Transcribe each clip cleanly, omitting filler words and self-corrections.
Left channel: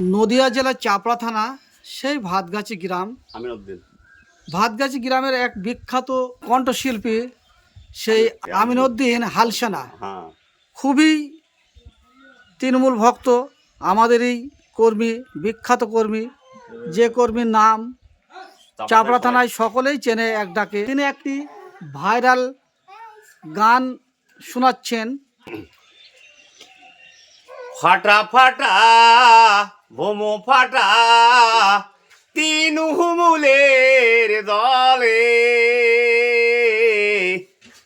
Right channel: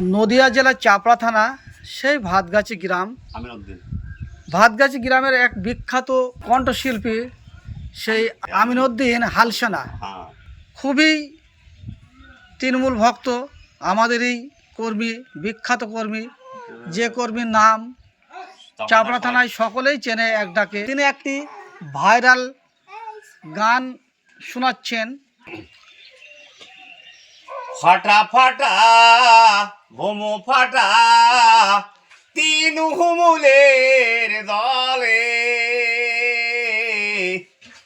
নদিয়া জেলার চাপড়া থানা সেই ভাতগাছি গ্রাম। ভাতগাছি গ্রামের এক বিখ্যাত কণ্ঠশিল্পী সেই আমিনউদ্দিন হালসানা খুবই তৃণমূল ভক্ত, আমাদেরই কর্মী, বিখ্যাত কর্মী, যে কর্মীর নাম চাপড়া থানায় সকলেই চেনে এক ডাকে। তিনি একটি ভাইরাল গান শোনাচ্ছেন। ফাটা ফাটা ভোমো ফাটা তিন হুমুলের দলে,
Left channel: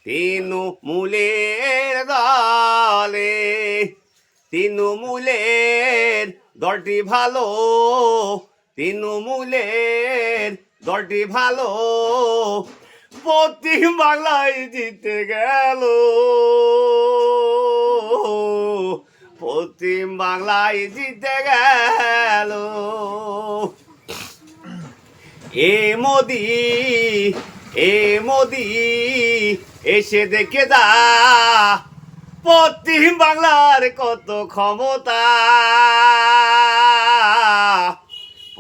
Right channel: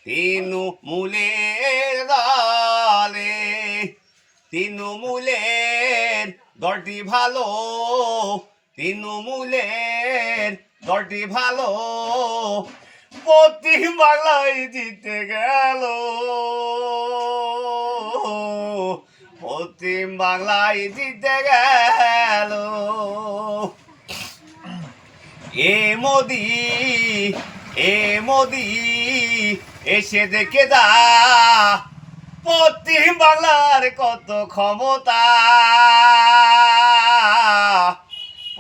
তিন মূলের দলে, তিন মূলের দলটি ভালো, তিন মূলের দলটি ভালো, পশ্চিম বাংলায় জিতে গেল, পশ্চিম বাংলায় জিতে গেল। হে মোদি, হে মোদি, এসে দেখে যা পশ্চিম বাংলার কত ক্ষমতা,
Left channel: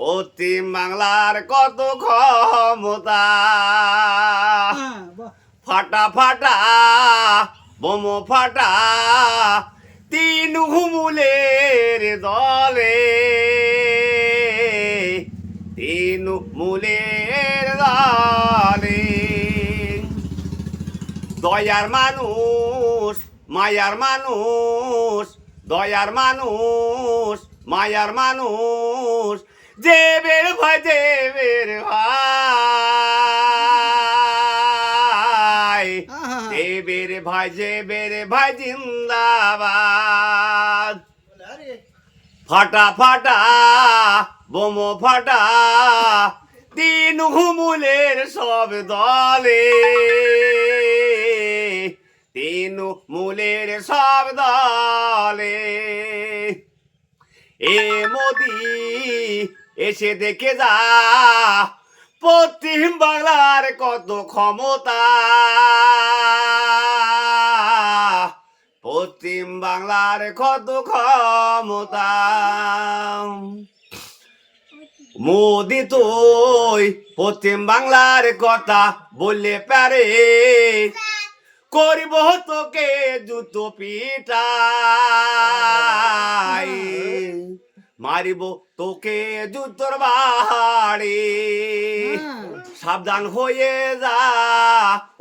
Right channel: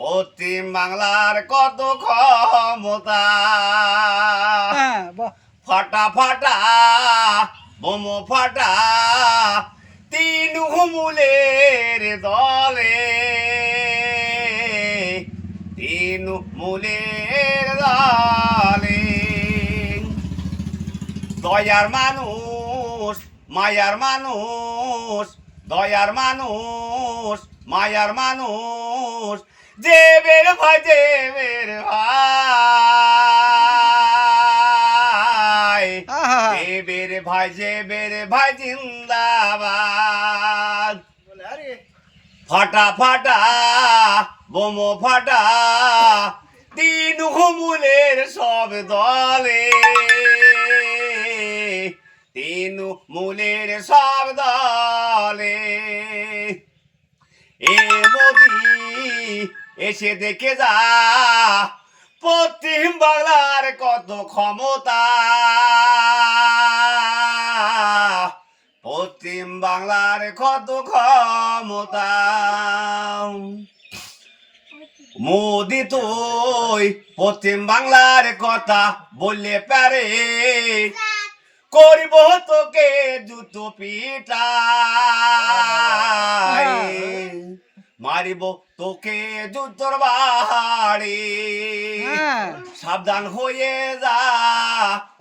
পশ্চিম বাংলার কত ক্ষমতা। ফাটা ফাটা বোমো ফাটা তিন হুমুলের দলে, তিন মূলের দলে। দয়ার মানুষ মায়ার মানুষ, দয়ার মানুষ মায়ার মানুষ, যে বের ভাই, যে বের ভাই, যে বের ভাই, যে বের ভাই জিন্দাবাদ। ফাটা ফাটা বোমো ফাটা তিন হুমুলের সব দলে, তিন মূলের সব দলে। এ মোদি এসে দেখে যা পশ্চিম বাংলার কত ক্ষমতা, পশ্চিম বাংলার কত ক্ষমতা। মোদি তুই পশ্চিম বাংলার কথা বললে পারে, করব তোকে জুতো পিটাই, মারিব তোকে জুতোর বাড়ি। সাবধান হয়ে যা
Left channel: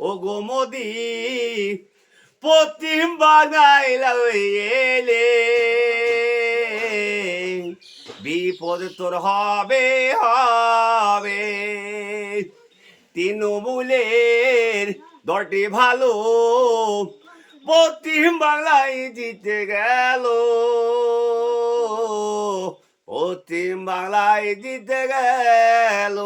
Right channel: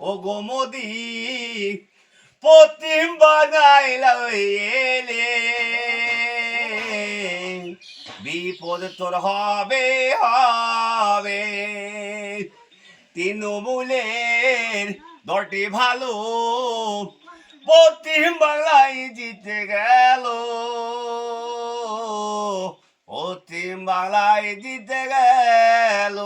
ও গো মোদি, পশ্চিম বাংলায় এলে বিপদ তোর হবে হবে। তৃণমূলের দলটি ভালো, পশ্চিম বাংলায় জিতে গেল, পশ্চিম বাংলায় জিতে গেল।